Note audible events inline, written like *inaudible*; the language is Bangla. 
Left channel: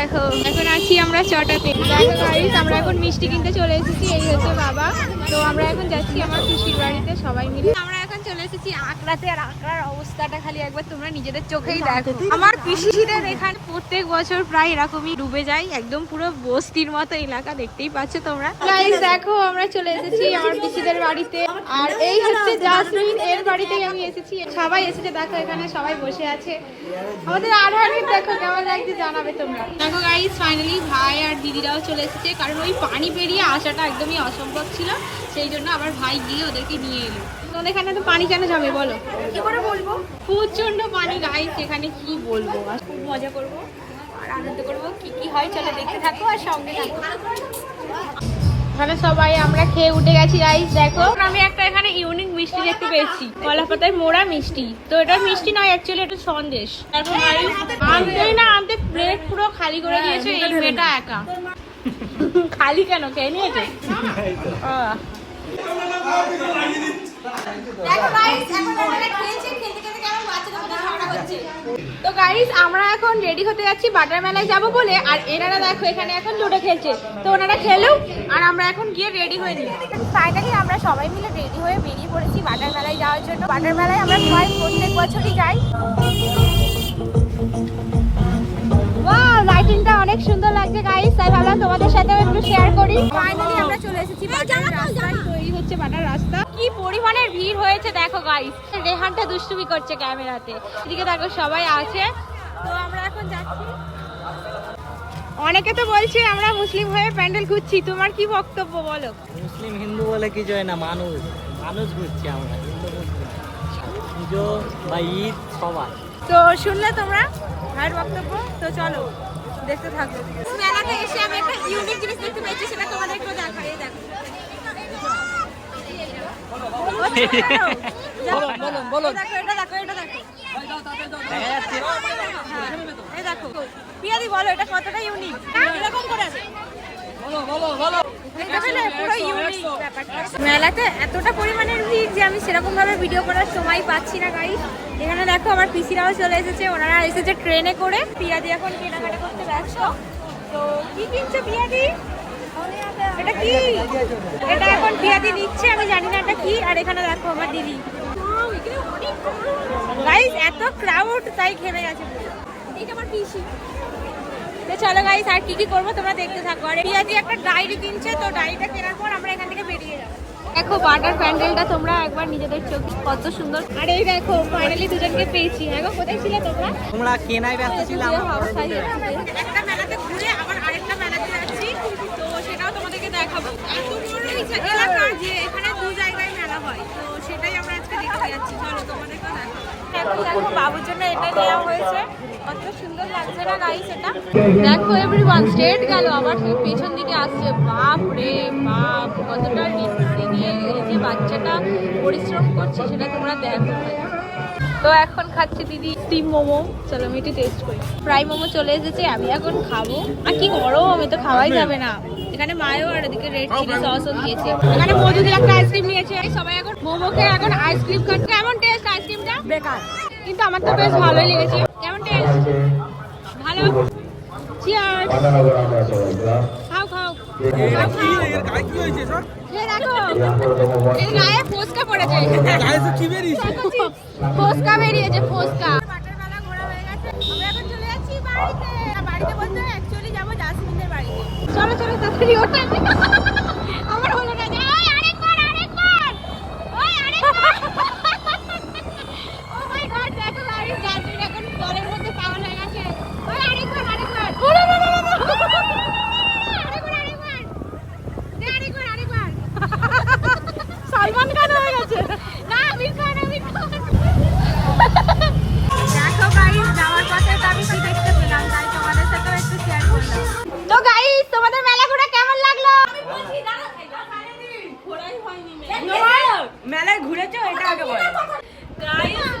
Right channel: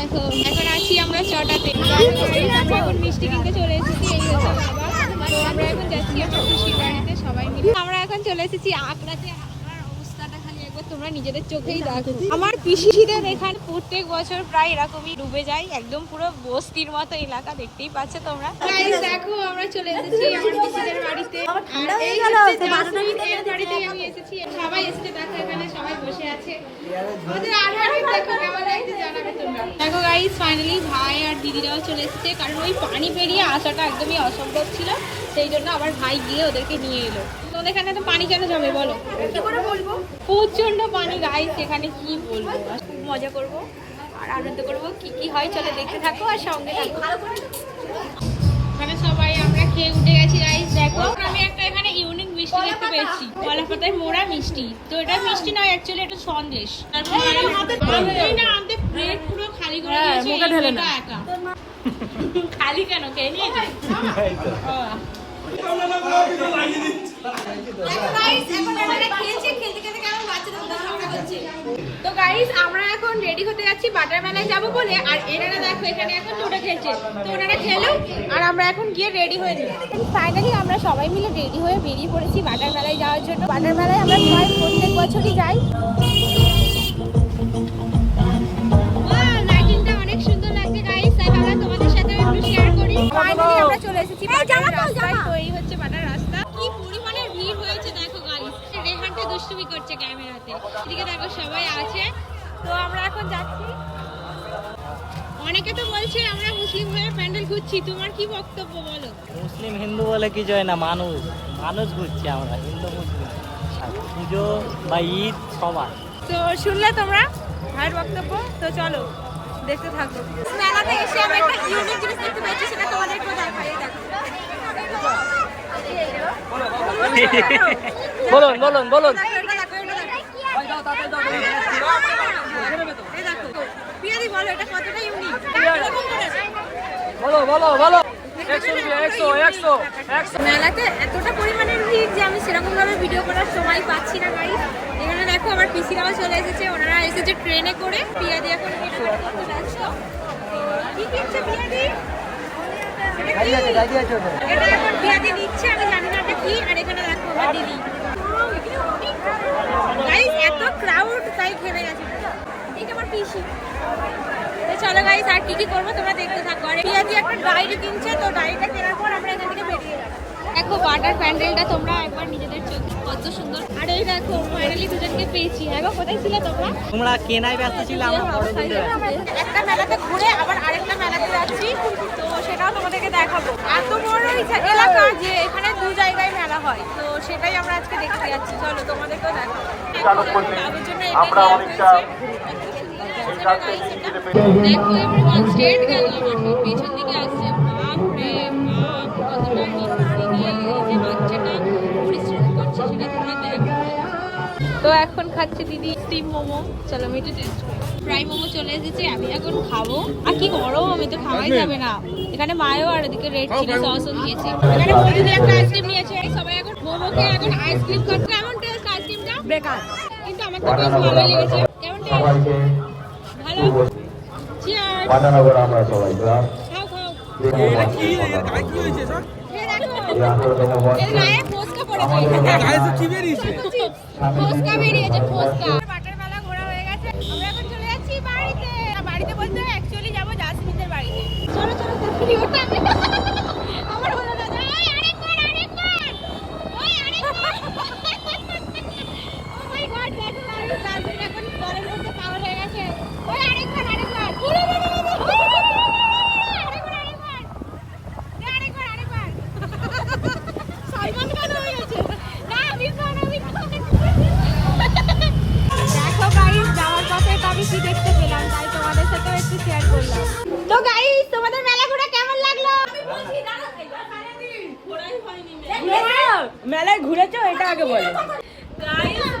দেখো, এখন আছি আমরা চটাতে আমরা এখন মিষ্টি কিনতে চলে এসেছি, এই হচ্ছে বাবা। তো আমরা এখন যাচ্ছি আমার খুশির বাড়িতে সবাই মিলে। আমরা এখন চলে এসেছি আঁকড়াতে, আর আঁকড়ার অবস্থাটা খালি একবার তোমরা নিজেদের চোখেই দেখো। আমার পিসিদের এখানে প্রত্যেক বছর প্রায় এরকমই ডুবে যায় একদম পুরো বস্তির মতো এলাকা দেখতেই পাচ্ছ তোমরা। গাইস দেখো আমরা চলে এসেছি আমার পিসিদের বাড়িতে। আর এই হচ্ছে জাসমিন এর বাড়িতেই আমি এসেছি। সবাই এসেছে দেখো এখানে সবাই বসে আছে। আমাদের আর অনেক দেখো কেমন লাগছে জানাবে তোমরা। দেখো গাইস ফাইনালি ভাই আর দিদিরাও চলে এসেছে কারণ ওই পানি পেরিয়ে আসাটা একদমই অসম্ভব ছিল। সেই জন্য আবার ভাই গিয়ে ওদেরকে নিয়ে এলো। তোদের এখানে তো পানি কেন যাবে বলো? কি করে বলব? প্রচণ্ড পানি গাইস এখানে কি বলব? খুব মজা করব আর আনন্দ করব কি কি হয় চলো দেখতে থাকো আর সঙ্গে থাকো। এখানে সবাই আমরা খেয়ে উঠে গেছি গাইস দেখো। আমি একটা এখানে ইউনিক মিষ্টি দেখতে পেয়েছি। কলা পাতায় মোড়া মিষ্টি। তো এটা মিষ্টি নয় অ্যাকচুয়ালি এটা সন্দেশ। তারপর না আনতে প্লেট পুরো খালি করে দিয়েছে এই মেয়েটা একা। খালি কেন? খেয়ে নিয়েছে *laughs* আহ। তো গাইস আমরা এখন রেডি হতে যাচ্ছি বাটার মেলায় যাব বলে। আর এনারা দেখো, এখানে এখন লুডো খেলছে। তো ওনারা খেলুক, আর আমরা এখন গিয়ে রেডি হয়ে নিই। ফাইনালি আমরা সবাই মিলে রেডি হয়ে বেরিয়ে পড়েছি বাটার মেলায় যাওয়ার জন্য। বাটার মেলায় আমরা প্রায় প্রত্যেক বছরই যাই। লাইটিংটা অনেক সুন্দর লাগছে গাইস তাই ভাবলাম তোমাদের সাথে একটু শেয়ার করি। ফাইনালি আমরা চলে এসেছি বাটার রাস্তায়। তৈরি হচ্ছে বাটার রাস্তা। কি পরিমাণের ভিড় হয়েছে দেখো গাইস রেহানটা দুষ্টুমি করছে ক্যামেরাতে। এদিকে দেখো সবাই আছে। তো আমরা এখন যাচ্ছি। অনেকে তো বলছে আমরা মুসলিম হয়ে প্যান্ডেল ঘুরছি। তোমার কি বক্তব্য বলো? মুসলিম হিন্দু বলে কিছু হয় না মানুষ। মানুষ ঘুরছি আমরা হিন্দু মুসলিম পুজো বা ঈদ সবার। তো শুনলে তোমরা ভাইয়ের বক্তব্য। তো চলো দেখতে থাকো। মেলাতে এসে আমি একটা ইউনিক জিনিস দেখতে পেয়েছি সেটা তোমাদের একটু দেখাই এই দেখো বলুন বলুন বলুন দেখো, এটা দেখো, এটা দেখো। এই দেখো। পিয়াদি বলো এটা কতটা ইউনিক এরকম করে বলো বলো বলো। মেলাতে এতটা পরিমাণের ভিড় যে আমি সেরকম ভাবে ভিডিও করার সময় পাচ্ছি না গাই এখানে দেখো, আমার পিসিরাও চলে এসেছে। ওনারা এসেছে ট্রেনে করে। পিয়াদি এখন যাচ্ছ তো কি কিনছে পিয়াদি? এটা কি? এটা এখন পিয়াদি নিচ্ছে, আমি জানি না এটা কি, আর এখানে দেখো আমার দিদি। গাইস এত ক্রাউড তাই খেলে গেছে। এইটা আমার পিসি। তো চলো গাইস আর কি কি করব তোমরা দেখতে থাকো। আর পিয়াজি একটা ডায়েরি কিনছে, তো ডায়েরিটা কেনার পর আমরা এখান থেকে বেরিয়ে যাব। দেখো বাটার প্যান্ডেলটা তোমরা একবার নিজেদের চোখ কত সুন্দর। আর এই দেখো ফাইনালি দুজনকে পেয়েছি। হ্যাঁ গো, কোথায় ছিলে তোমরা? তোমরা কেনায় ব্যস্ত ছিল আমরা ব্যস্ত। একটা মেলাতে ঘুরে আবার আরেকটা মেলাতে যাচ্ছি। তো সেটাও তোমাদেরকে দেখাবো। এলাকা যে এখানে দু জায়গায় মেলা হয় তো সেটাই আমরা আজকে দেখতে যাচ্ছি। চলো তোমাদেরকেও দেখাবো। এখন বাবুর জন্য এটাই নেওয়া হয়েছে। কত সুন্দর লাগছে না গাইস এটা? দেখো এভরিওয়ান স্ট্রেট গেল। আবার সেই পেছন দিকে আসছে। বাপ রে এই যে পরিশ্রম করছে সেটা তোমরা দেখো। তো এখন খাচ্ছি দিদি স্টিম মোমো। চলো আমি একটু টেস্ট করি। ফ্রাই মোমো চলে এসেছে আমি এখন খাব। আর কি গরম আমি তো খাওয়াই যাবে না। এখানে মায়ও আর ওদিকে রেড চিলি সসও দিয়েছে। এখানে মজুদের একটা আইসক্রিম নিয়েছে। এই সবাই এখন মোমো খেয়ে এখন আইসক্রিম খাচ্ছে। কেমন টেস্ট আইসক্রিমটা বেকার। কিন্তু আমার তো বেশ ভালোই লেগেছে। কেমন টেস্ট ভালো? চিয়ার্স ফোসকা বেরিয়েছে ফোসকা বাটার মেলা ঘোরা হয়ে গেছে আমরা এখন চলে যাচ্ছি বাড়িতে বাড়িতে বলতে অ্যাকচুয়ালি যাব জাসমিনের বাড়িতে। চলো চলো তাড়াতাড়ি ওটা মেলায় ঘুরেছো? এটা আগে বলো। গাইস